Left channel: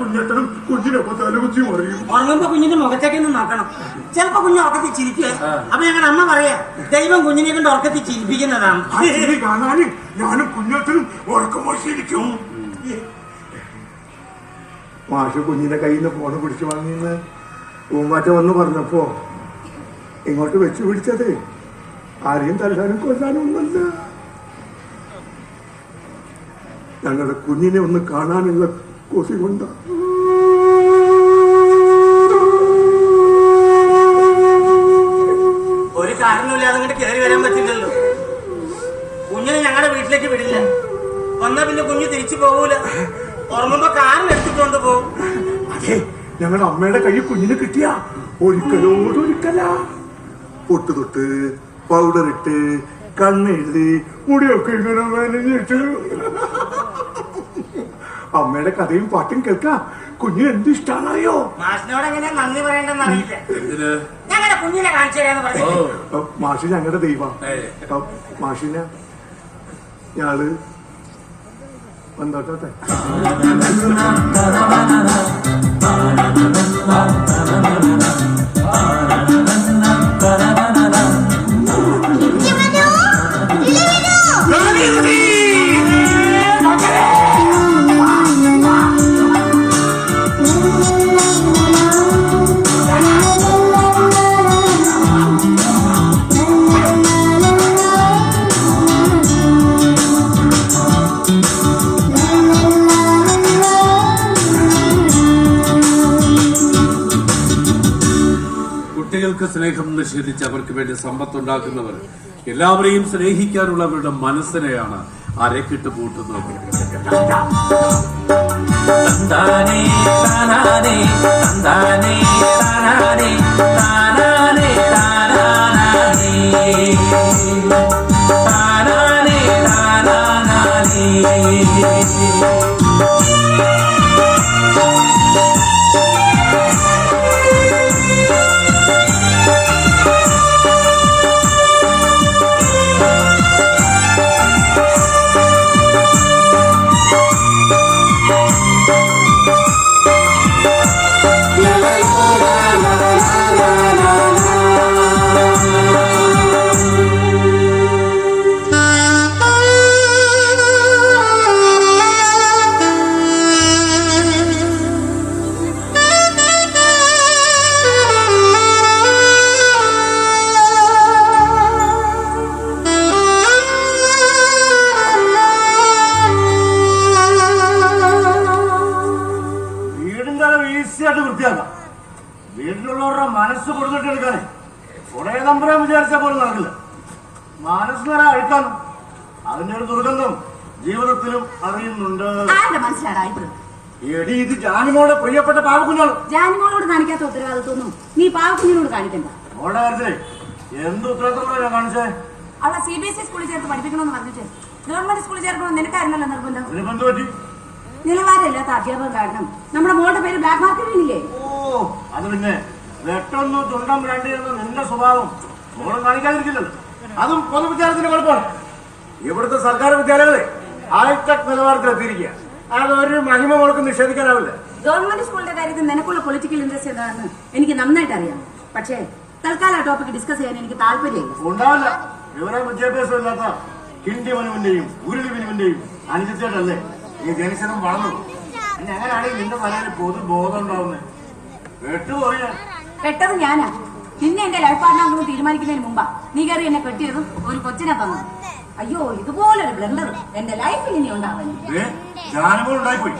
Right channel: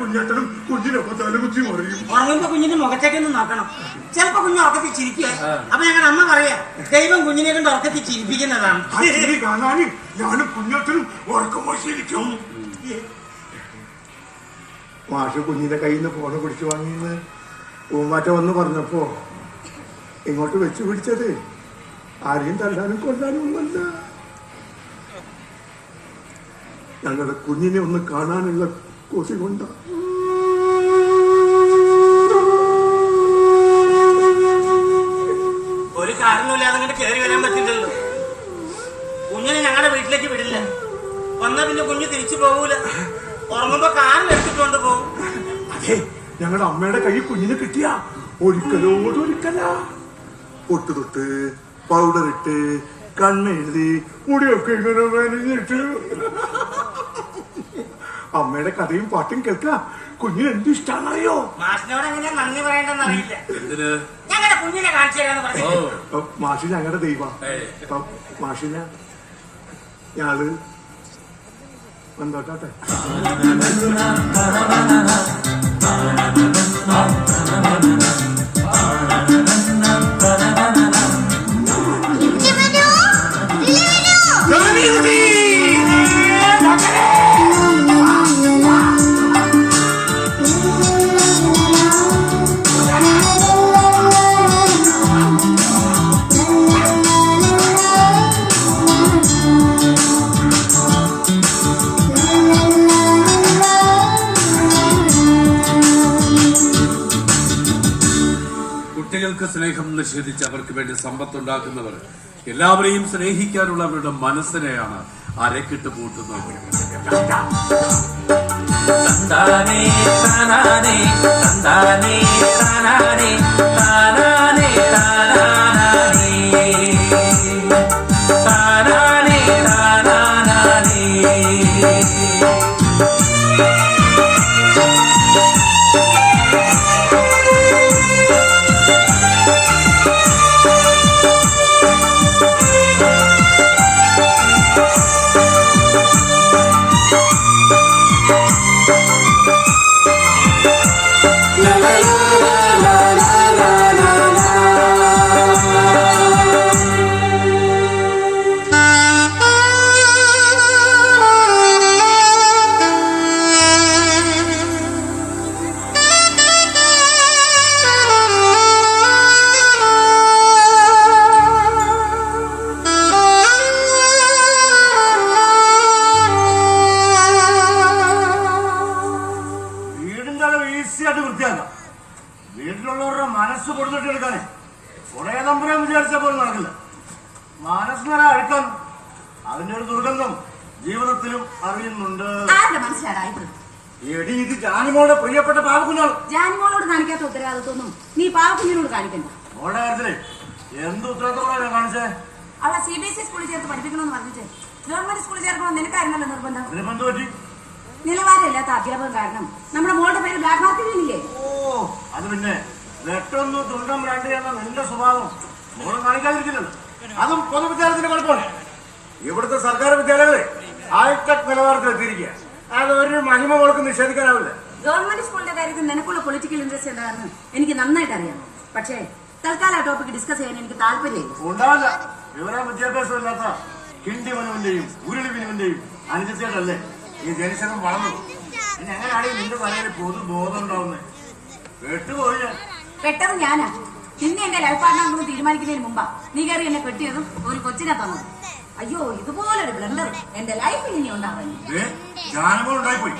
കുഞ്ഞത്തനും കുഞ്ഞിനൊപ്പം തലകുത്തി പറയും. ഉറങ്ങുമ്പോ കുഞ്ഞിന്റെ മുഖത്തേക്കൊന്ന് നോക്കണം. ചിലപ്പോ കുഞ്ഞ് ഉറക്കത്തിൽ ചിരിക്കുക. അപ്പൊ ഞങ്ങളുടെ അമ്മ പറയാ ദൈവം കുഞ്ഞിനെ കൊണ്ട് ഉറക്കത്തിൽ ചിരിപ്പിക്കുന്നതാണ്. കാണാന് ഞാനും കുഞ്ഞത്തനും ഉറക്കം ശരിക്കും. മാഷ് കുഞ്ഞിന്റെ കയ്യിൽ നിന്ന് ഫോണ് പിടിച്ചു വാങ്ങിയെന്ന് പൂമ്പാറ്റ വന്ന് പറഞ്ഞപ്പോ ഇങ്ങോട്ട് വെച്ച് പിടിച്ചത് ആരെയും തല്ലാനും കൊല്ലാനും ഒന്നല്ല, ഞങ്ങളുടെ കുഞ്ഞിനെ ഒന്ന് കാണാനുള്ള കൊതി കൊണ്ട. ഒരു കാരണമില്ലാതെ അങ്ങോട്ട് കയറി വരാൻ പറ്റില്ലല്ലോ. കുഞ്ഞിനെ ഞങ്ങളുടെ വീട്ടിലേക്ക് വിടില്ല. വന്നാ പിന്നെ കുഞ്ഞ് തിരിച്ചു പോകൂല. ഉറങ്ങുമ്പോ കാറിനെടുത്തുകൊണ്ട് പോകും. അതെ, ഞങ്ങളുടെ അമ്മയുടെ കൈ കുഞ്ഞിന് കിട്ടിയ ഒരിക്കലാ പൊട്ട് തൊട്ട് പൗഡർ ഇട്ട് കണ്ണെഴുതി മുടിയൊക്കെ ഇങ്ങനെ നനഞ്ഞിട്ട് അമ്മയുടെ കഥയും പാട്ടും കേൾക്കാ കുഞ്ഞിന് എന്ത് ഇഷ്ടാന്നറിയോ? മാഷിനോട് എങ്ങനെ നന്ദി പറയേണ്ടെന്ന് അറിയില്ല. ഞങ്ങളുടെ കുഞ്ഞിനെ കാണിച്ചു തരാന്ന് പറഞ്ഞു. മാഷി ഞങ്ങളുടെ ദൈവം. മാഷിനെ ഞാള് വന്നോട്ടെ. കുട്ടികൾക്ക് സ്നേഹം നിഷേധിച്ച് അവർക്ക് വേണ്ടി സമ്പത്തുണ്ടാക്കുന്നവർ എല്ലാവരെയും സ്നേഹിക്കാനുള്ള അവരുടെ മനസ്സിനെയാണ് അരക്കിട്ട് പൂട്ടുന്നത്. തന്താനേ താനാനേ തന്താനേ താനാനേ താനാനേ താനാനേ താനാനേ താനാനേ. വീട്ടിലുള്ളവരുടെ മനസ്സ് കൊടുത്തിട്ട് എടുക്കാനേ കുറെ നമ്പരാൻ വിചാരിച്ച പോലെ നടക്കില്ല. മനസ്സിനെ അഴിക്കാനും അതിന്റെ ഒരു ദുർഗന്ധം ജീവിതത്തിലും അറിയുന്നുണ്ട്. എടി, ഇത് ജാനിമോളുടെ പ്രിയപ്പെട്ട പാവക്കുഞ്ഞാണ്. ജാനിമോളോട് കാണിക്കാത്ത ഉത്തരവാദിത്വമൊന്നും നീ പാവക്കുഞ്ഞിനോട് കാണിക്കണ്ട. മോളുടെ കാര്യത്തിലേ എന്ത് ഉത്തരവാദിത്തമാണ് കാണിച്ചേ? അവളെ CBSE സ്കൂളിൽ ചേർത്ത് പഠിപ്പിക്കണമെന്ന് പറഞ്ഞിട്ട് ഗവൺമെന്റ് സ്കൂളിൽ ചേർക്കണമെന്ന് നിനക്കായിരുന്നല്ലോ നിർബന്ധം. എന്ത് പറ്റി? നിലവാരമില്ലാത്ത അധ്യാപകം കാരണം നമ്മുടെ മോളുടെ പേര് ബ്ലാക്ക് മാർക്കില്ലേ? ഓ, അത് പിന്നെ വെട്ടൊന്നു തുണ്ടം വേണ്ടിയെന്ന നിന്റെ സ്വഭാവം മോളും കാണിക്കാതിരിക്കുന്നുണ്ട്. അതും പൊതുവിദ്യാലയത്തിന്റെ കുഴപ്പമാണ്. ഇവിടുത്തെ സർക്കാർ വിദ്യാലയങ്ങളെ ഹൈടെക് നിലവാരത്തിലെത്തിയിരിക്കുക. അതൊരു മഹിമ മോൾക്ക് നിഷേധിക്കാനാവില്ല. ഗവൺമെന്റ് സ്കൂളിന്റെ കാര്യത്തിൽ നിനക്കുള്ള പൊളിറ്റിക്കൽ ഇൻട്രസ്റ്റ് എന്താണെന്ന് എനിക്ക് നന്നായിട്ട് അറിയാം. പക്ഷേ തൽക്കാലം ആ ടോപ്പിക് ഡിസ്കസ് ചെയ്യാൻ എനിക്ക് താല്പര്യമില്ല. ഉണ്ടാവില്ല. വിവരം വിദ്യാഭ്യാസം ഇല്ലാത്ത ഹിന്ദി മനുവിന്റെയും ഉരുളി മനുവിന്റെയും അനുസരിച്ചിട്ടല്ലേ ഈ ജനശതം വളർന്നു. ഞങ്ങളാണെങ്കിൽ നിന്റെ മനസ്സിൽ പൊതുബോധം ഉണ്ടാവുന്നത്. പെട്ടുപോയി. പെട്ടത് ഞാനാ. നിന്നെ എന്റെ ലൈഫ് പാർട്ണർ തീരുമാനിക്കുന്നതിന് മുമ്പാ നീ കയറി എന്നെ കെട്ടിയതും ഒരു കൊച്ചിനെ തന്നു. അയ്യോ, ഇതുപോലൊരു ബ്ലണ്ടർ എന്റെ ലൈഫിൽ ഇനി ഉണ്ടാവുന്നു. ജാനുമോളുണ്ടായിപ്പോയി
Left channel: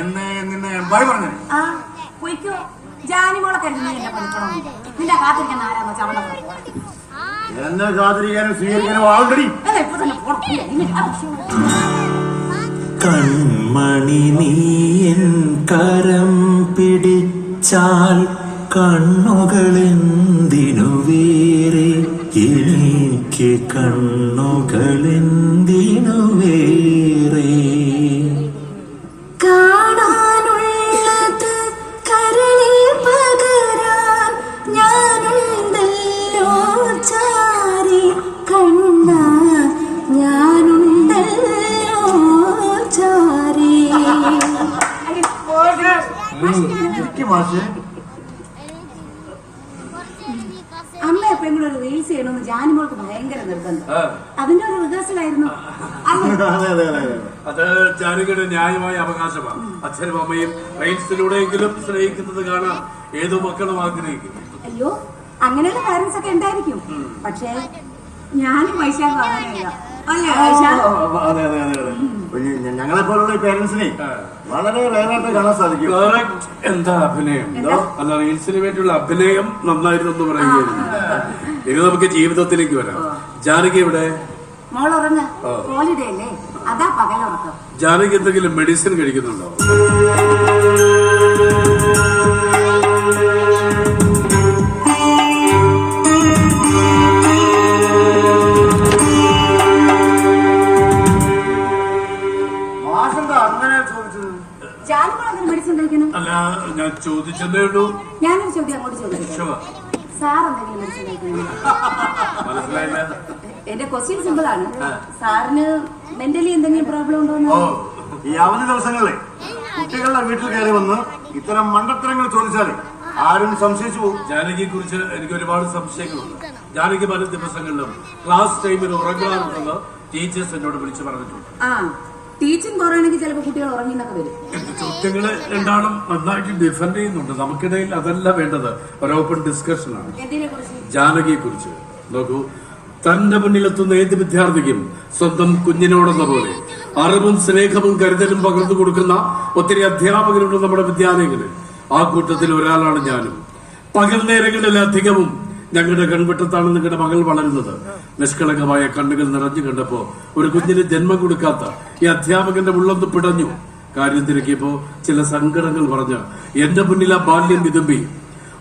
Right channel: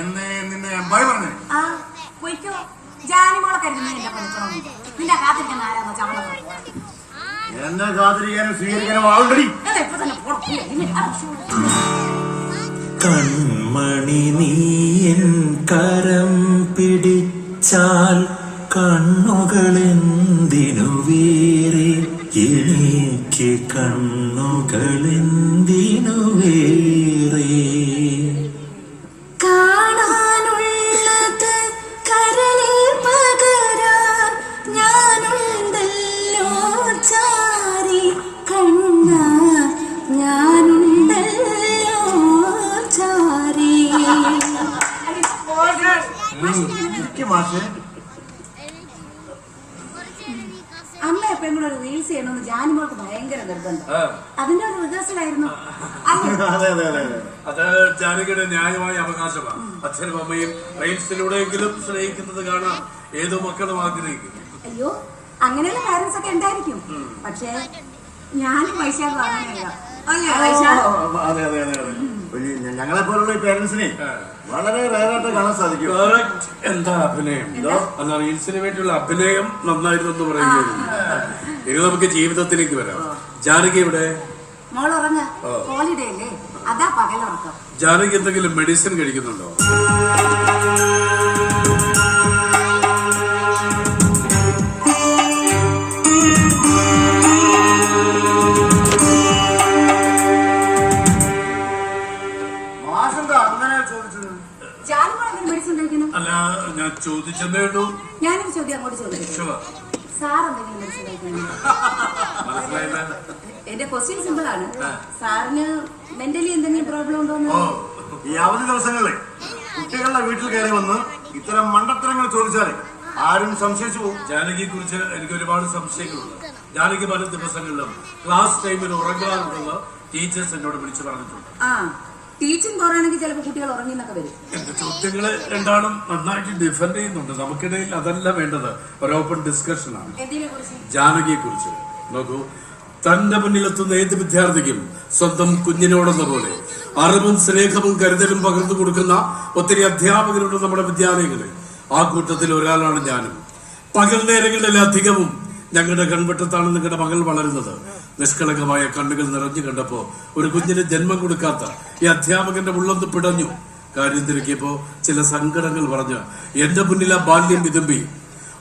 എന്നേ നിന്നെ പറഞ്ഞു. ആ പൊയ്ക്കോ. ജാനിമോളെ കരുതുന്ന എന്റെ പണിക്കണം. നിന്റെ കാത്തിരിക്കുന്ന ആരാന്നോ ചവണ എന്നെ കാത്തിരിക്കാനും സ്വീകരിക്കാനും ആൾറെഡി ഇപ്പൊ തന്നെ കൺമണി നീയൻ കരം പിടിച്ചാൽ കണ്ണുകളെന്തിനു വേറെ, എനിക്ക് കണ്ണുകളെന്തിനു വേറെ. കാണാനുള്ളത് കരളിൽ പകരാൻ ഞാനുണ്ടല്ലോ ചാരി കണ്ണ, ഞാനുണ്ടല്ലോ ചാരി. മാഷേ. അമ്മ എപ്പോഴും കൂടെ ഒരു റീൽസ് ചെയ്യണമെന്ന് ജാനിമോൾക്ക് ഭയങ്കര നിർബന്ധം. അതിന്റെ ഒരു റിഹേഴ്സലായിരുന്നു. അതെ അതെ അതെ അതെ. അത് ജാനകിയുടെ ന്യായമായ അവകാശമാണ്. അച്ഛനും അമ്മയും റീൽസിലൂടെയെങ്കിലും സ്നേഹിക്കുന്നത് കാണാൻ ഏതോ മക്കളും ആഗ്രഹിക്കും. അയ്യോ, അങ്ങനെയുള്ള പാരന്റ്സ് ഒക്കെ ഉണ്ടായിരിക്കും. പക്ഷേ ഞാനും വൈശാഖും അങ്ങനെയല്ല. അല്ലേ വൈശാഖ്? അതെ അതെ അതെ അതെ. ഞങ്ങളെ പോലുള്ള ഈ പേരൻസിനെ വളരെ റേറായിട്ട് കാണാൻ സാധിക്കും. എന്താ അഭിനയം? അല്ല, റീൽസിന് വേണ്ടിയുള്ള അഭിനയം നന്നായിരുന്നു എന്ന് പറയുന്നത്. ഇനി നമുക്ക് ജീവിതത്തിലേക്ക് വരാം. ജാനകി ഇവിടെ മോളുറങ്ങ, ഹോളിഡേ അല്ലേ, അതാ പകലുറക്കം. ജാനകി എന്തെങ്കിലും മെഡിസിൻ കഴിക്കുന്നുണ്ടോ? അല്ല, ഞാൻ ചോദിച്ചതേ ഉള്ളൂ. ഞാനൊരു ചോദ്യം അങ്ങോട്ട് ചോദിച്ചു. സാർ എന്തെങ്കിലും മെഡിസിൻ കഴിക്കുന്നുണ്ടോ? മനസ്സിലായില്ല. എന്റെ ക്വസ്റ്റ്യൻ സിമ്പിൾ ആണ്. സാറിന് മെന്റലി എന്തെങ്കിലും പ്രോബ്ലം ഉണ്ടോ? ഈ അവധി ദിവസങ്ങളിലെ കുട്ടികളുടെ വീട്ടിൽ കയറി വന്ന് ഇത്തരം മണ്ടത്തരങ്ങൾ ചോദിച്ചാൽ ആരും സംശയിച്ചു പോകും. ജാനകിയെ കുറിച്ച് എനിക്ക് ഒരുപാട് സംശയങ്ങളുണ്ട്. ജാനകി പല ദിവസങ്ങളിലും ക്ലാസ് ടൈമിൽ ഉറങ്ങാറുണ്ടെന്ന് ടീച്ചേഴ്സ് എന്നോട് വിളിച്ചു പറഞ്ഞിട്ടുണ്ട്. ആ, ടീച്ചിങ് പോറാണെങ്കിൽ ചിലപ്പോൾ കുട്ടികൾ ഉറങ്ങിന്നൊക്കെ വരും. എന്റെ ചോദ്യങ്ങള് രണ്ടാളും നന്നായിട്ട് ഡിഫെൻഡ് ചെയ്യുന്നുണ്ട്. നമുക്കിടയിൽ അതല്ല വേണ്ടത്, ഒരു ഓപ്പൺ ഡിസ്കഷനാണ്. ജാനകിയെ കുറിച്ച് നോക്കൂ, തന്റെ മുന്നിലെത്തുന്ന ഏത് വിദ്യാർത്ഥിക്കും സ്വന്തം കുഞ്ഞിനോടെന്ന പോലെ അറിവും സ്നേഹവും കരുതലും പകർന്നു കൊടുക്കുന്ന ഒത്തിരി അധ്യാപകരുണ്ട് നമ്മുടെ വിദ്യാലയങ്ങളിൽ. ആ കൂട്ടത്തിൽ ഒരാളാണ് ഞാനും. പകൽ നേരങ്ങളിലധികവും ഞങ്ങളുടെ കൺവെട്ടത്താണ് നിങ്ങളുടെ മകൾ വളരുന്നത്. നിഷ്കളങ്കമായ കണ്ണുകൾ നിറഞ്ഞു കണ്ടപ്പോ ഒരു കുഞ്ഞിന് ജന്മം കൊടുക്കാത്ത ഈ അധ്യാപകന്റെ ഉള്ളൊന്ന് പിടഞ്ഞു. കാര്യം തിരക്കിയപ്പോ ചില സങ്കടങ്ങൾ പറഞ്ഞ് എന്റെ മുന്നിൽ ആ ബാല്യം വിതുമ്പി.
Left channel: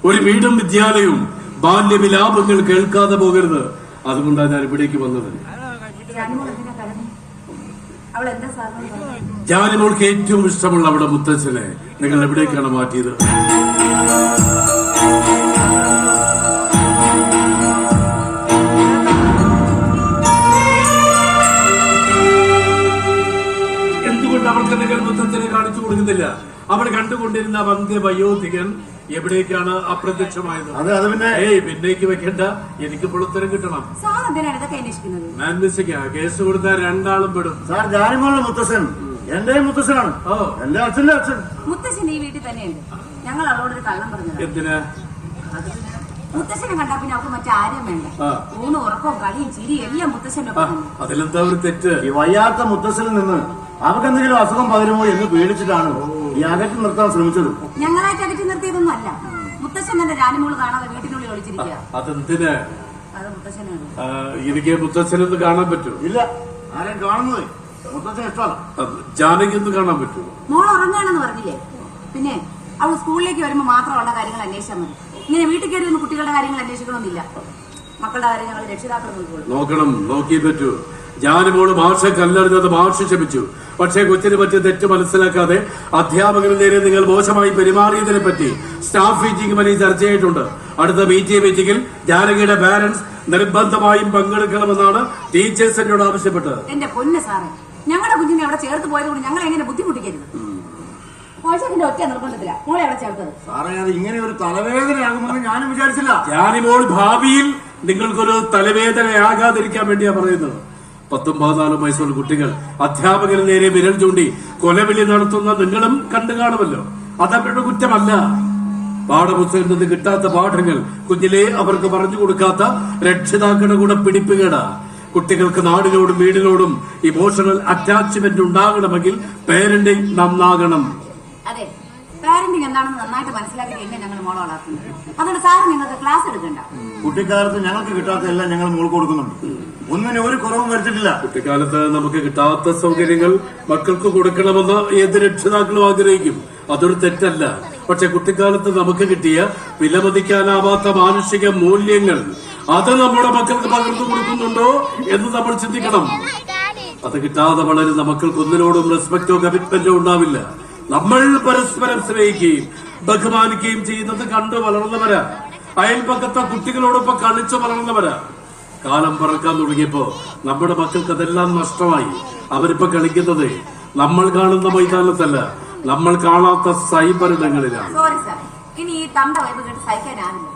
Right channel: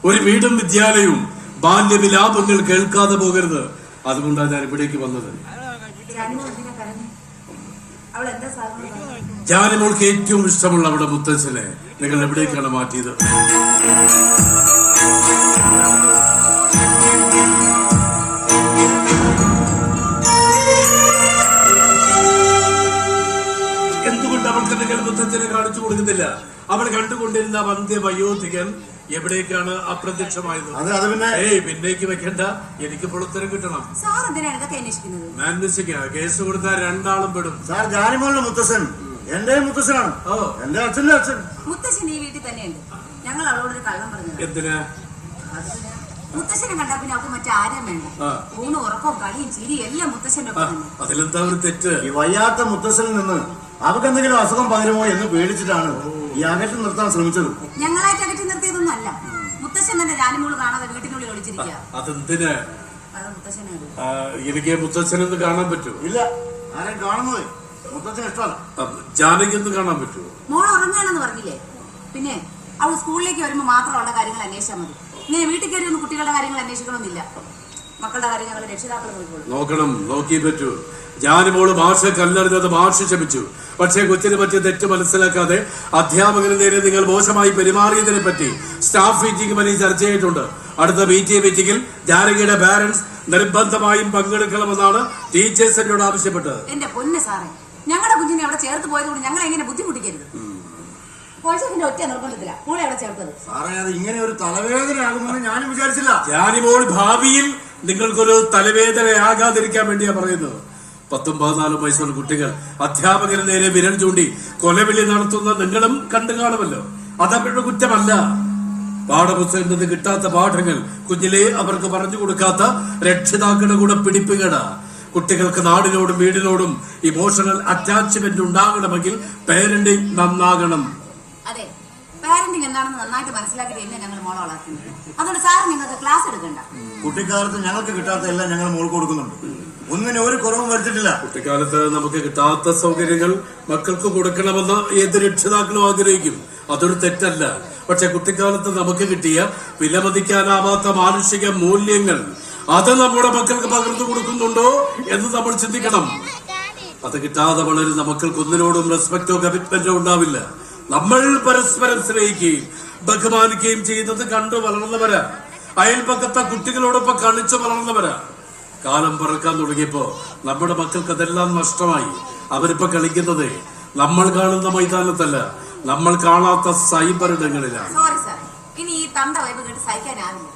ഒരു വീടും വിദ്യാലയവും ബാല്യവിലാപങ്ങൾ കേൾക്കാതെ പോകരുത്. അതുകൊണ്ടാണ് ഞാൻ ഇവിടേക്ക് വന്നത്. ജാനിമോൾക്ക് ഏറ്റവും ഇഷ്ടമുള്ള അവിടെ മുത്തച്ഛനെ നിങ്ങൾ എവിടേക്കാണ് മാറ്റിയത്? എന്തുകൊണ്ട് അവൾക്ക് നിങ്ങൾ മുത്തച്ഛനെ കാണിച്ചു കൊടുക്കുന്നില്ല? അവൾ കണ്ടുകൊണ്ടിരുന്ന വന്ധ്യ വയോധികൻ എവിടേക്കാണ് അപ്രത്യക്ഷമായത്? പിന്നേക്ക് വെക്കണ്ട, എനിക്ക് പുളത്തരം കിട്ടണം. അന്വേഷിക്കാം. കേസ് കൊടുത്താൽ രണ്ടാളും പെടും. സാർ, ജാനിമോളുടെ മുത്തച്ഛൻ എന്റെ മുത്തച്ഛനാണ്. എന്റെ അച്ഛന്റെ അച്ഛൻ. മുത്തശ്ശൻ ഈ വീട്ടിൽ തന്നെയുണ്ട്. ഞങ്ങൾ അവളോടൊരു കള്ളം പറഞ്ഞു. എന്തിനാ? മുത്തശ്ശനെ കണ്ടാ പിന്നെ അവർക്ക് മറ്റാരും വേണ്ട. ഊണും ഉറക്കവും കളിയും ചിരിയും എല്ലാം മുത്തശ്ശന്റെ ഒപ്പം. അതിലെന്താ ഒരു തെറ്റ്? ഈ വയ്യാത്ത മുത്തശ്ശനിൽ നിന്ന് അവർക്ക് എന്തെങ്കിലും അസുഖം പകരുമോ എന്ന് പേടിച്ചിട്ടാണ് ഈ അകറ്റി നിർത്താൻ ശ്രമിച്ചത്. ഞങ്ങളായിട്ട് അകറ്റി നിർത്തിയതൊന്നും അല്ല. മുത്തശ്ശൻ തന്നെ ജാനിമോള് കാണാതെ വീട്ടിനുള്ളിൽ ഒളിച്ചിരിക്കുക. അതെന്തിന്? അത് മുത്തശ്ശനാണ്. എനിക്ക് മുത്തച്ഛനൊന്ന് കാണാൻ പറ്റുമോ? ഇല്ല, ആരെയും കാണുന്നത് മുത്തച്ഛൻ ഇഷ്ടമല്ല. ജാനകി ഒന്ന് കാണാൻ പറ്റുമോ? മോൾ ഉറങ്ങാണെന്ന് പറഞ്ഞില്ലേ? പിന്നെ അവൾ സ്കൂളിലേക്ക് വരുമ്പോ മാത്രമുള്ള കാര്യങ്ങൾ അന്വേഷിച്ചാൽ മതി. ഇങ്ങനെ വീട്ടിൽ കയറി ഒന്ന് കുട്ടികളുടെ കാര്യങ്ങൾ അന്വേഷിക്കണമെന്നില്ല. മക്കളുടെ കാര്യങ്ങൾ രക്ഷിതാക്കൾ നോക്കണം. നോക്കിയേ പറ്റൂ. ജാനിമോള് മാഷെ കല്ലെറിഞ്ഞത് മാഷ് ക്ഷമിച്ചു. പക്ഷേ കൊച്ചിനെ പറ്റി തെറ്റ് മനസ്സിലാക്കാതെ അധ്യാപകന് നേരെ നിങ്ങൾ മോശമായി പെരുമാറിയതിനെ പറ്റി സ്റ്റാഫ് മീറ്റിംഗ് വരെ ചർച്ച ചെയ്തിട്ടുണ്ട്. അടുത്ത PTA മീറ്റിംഗിൽ ജാനകിയുടെ പാരന്റ്സ് നിർബന്ധമായും പങ്കെടുക്കണമെന്നാണ് ടീച്ചേഴ്സ് എന്നോട് ആവശ്യപ്പെട്ടത്. എന്റെ പൊന്ന് സാറേ, ഞങ്ങളുടെ കുഞ്ഞിനെ അവിടെ ചേർത്ത് പോയത് കൊണ്ട് ഞങ്ങൾ എങ്ങനെ ബുദ്ധിമുട്ടിക്കരുത്. ഒറ്റ നിർബന്ധത്തില മോളെ അവിടെ ചേർത്തത്. സാറേ, അത് ഇങ്ങനെ ഒരു തലവേദനയാകുമെന്ന് ഞാനും വിചാരിച്ചില്ല. ജാനിമോൾ ഭാവിയിൽ നിങ്ങൾക്കൊരു തലവേദനയാകാതിരിക്കാൻ വേണ്ടിയാ പറയുന്നത്. 14 വയസ്സുള്ള കുട്ടികൾ അധ്യാപകന് നേരെ വിരൽ ചൂണ്ടി കൊലവിളി നടത്തുന്ന നിങ്ങളും കണ്ടു കാണുമല്ലോ. അതവരുടെ കുറ്റമല്ല. പാഠപുസ്തകത്തിൽ നിന്ന് കിട്ടാത്ത പാഠങ്ങൾ കുഞ്ഞിലെ അവർക്ക് പറഞ്ഞു കൊടുക്കാത്ത രക്ഷിതാക്കളുടെ കൂടെ പിടിപ്പുകേട. കുട്ടികൾക്ക് നാടിനോടും വീടിനോടും ഇമോഷണൽ അറ്റാച്ച്മെന്റ് ഉണ്ടാകണമെങ്കിൽ പേരന്റിംഗ് നന്നാകണം. അതെ, പാരന്റിംഗ് എന്താണെന്ന് നന്നായിട്ട് മനസ്സിലാക്കി എന്നെ ഞങ്ങൾ മോളെ വളർത്തുന്നത്. അതുകൊണ്ട് സാർ നിങ്ങൾക്ക് ക്ലാസ് എടുക്കണ്ട. കുട്ടിക്കാലത്ത് ഞങ്ങൾക്ക് കിട്ടാത്ത എല്ലാം ഞങ്ങൾ മോൾ കൊടുക്കുന്നുണ്ട്. ഒന്നിനും ഒരു കുറവും വരുത്തിട്ടില്ല. കുട്ടിക്കാലത്ത് നമുക്ക് കിട്ടാത്ത സൗകര്യങ്ങൾ മക്കൾക്ക് കൊടുക്കണമെന്ന് ഏത് രക്ഷിതാക്കളും ആഗ്രഹിക്കും. അതൊരു തെറ്റല്ല. പക്ഷെ കുട്ടിക്കാലത്ത് നമുക്ക് കിട്ടിയ വിലമതിക്കാനാവാത്ത മാനുഷിക മൂല്യങ്ങൾ അത് നമ്മുടെ മക്കൾക്ക് പകർന്നു കൊടുക്കുന്നുണ്ടോ എന്ന് നമ്മൾ ചിന്തിക്കണം. അത് കിട്ടാതെ വളരുന്ന മക്കൾക്ക് ഒന്നിനോടും റെസ്പെക്റ്റോ കമ്മിറ്റ്മെന്റോ ഉണ്ടാവില്ല. നമ്മൾ പരസ്പരം സ്നേഹിക്കുകയും ബഹുമാനിക്കുകയും ചെയ്യുന്നത് കണ്ടു വളർന്നവരാ. അയൽപക്കത്തെ കുട്ടികളോടൊപ്പം കളിച്ചു വളർന്നവരാ. കാലം പറക്കാൻ തുടങ്ങിയപ്പോ നമ്മുടെ മക്കൾക്ക് അതെല്ലാം നഷ്ടമായി. അവരിപ്പോ കളിക്കുന്നത് നമ്മൾ കാണുന്ന മൈതാനത്തല്ല, നമ്മൾ കാണാത്ത സൈബർ ഇടങ്ങളിലാണ്. സോറി സാർ, ഇനി ഈ തണ്ട വൈബ് കേട്ട് സഹിക്കാനാണില്ല.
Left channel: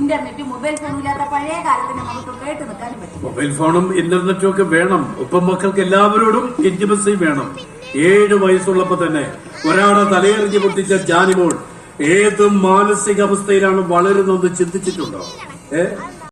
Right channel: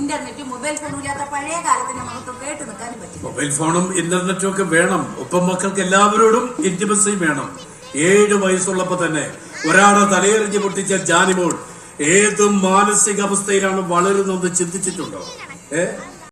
ഇന്റർനെറ്റും മൊബൈൽ ഫോണും ഇല്ലാത്ത പഴയ കാലത്തിന് നമുക്ക് കേട്ട് നിൽക്കാനും പറ്റില്ല. മൊബൈൽ ഫോണും ഇന്റർനെറ്റും ഒക്കെ വേണം. ഒപ്പം മക്കൾക്ക് എല്ലാവരോടും ഇന്റിമസി വേണം. 7 വയസ്സുള്ളപ്പോ തന്നെ ഒരാളെ തലയെറിഞ്ഞ് പൊട്ടിച്ച ജാനിമോൾ ഏത് മാനസികാവസ്ഥയിലാണ് വളരുന്നത് ചിന്തിച്ചിട്ടുണ്ടോ?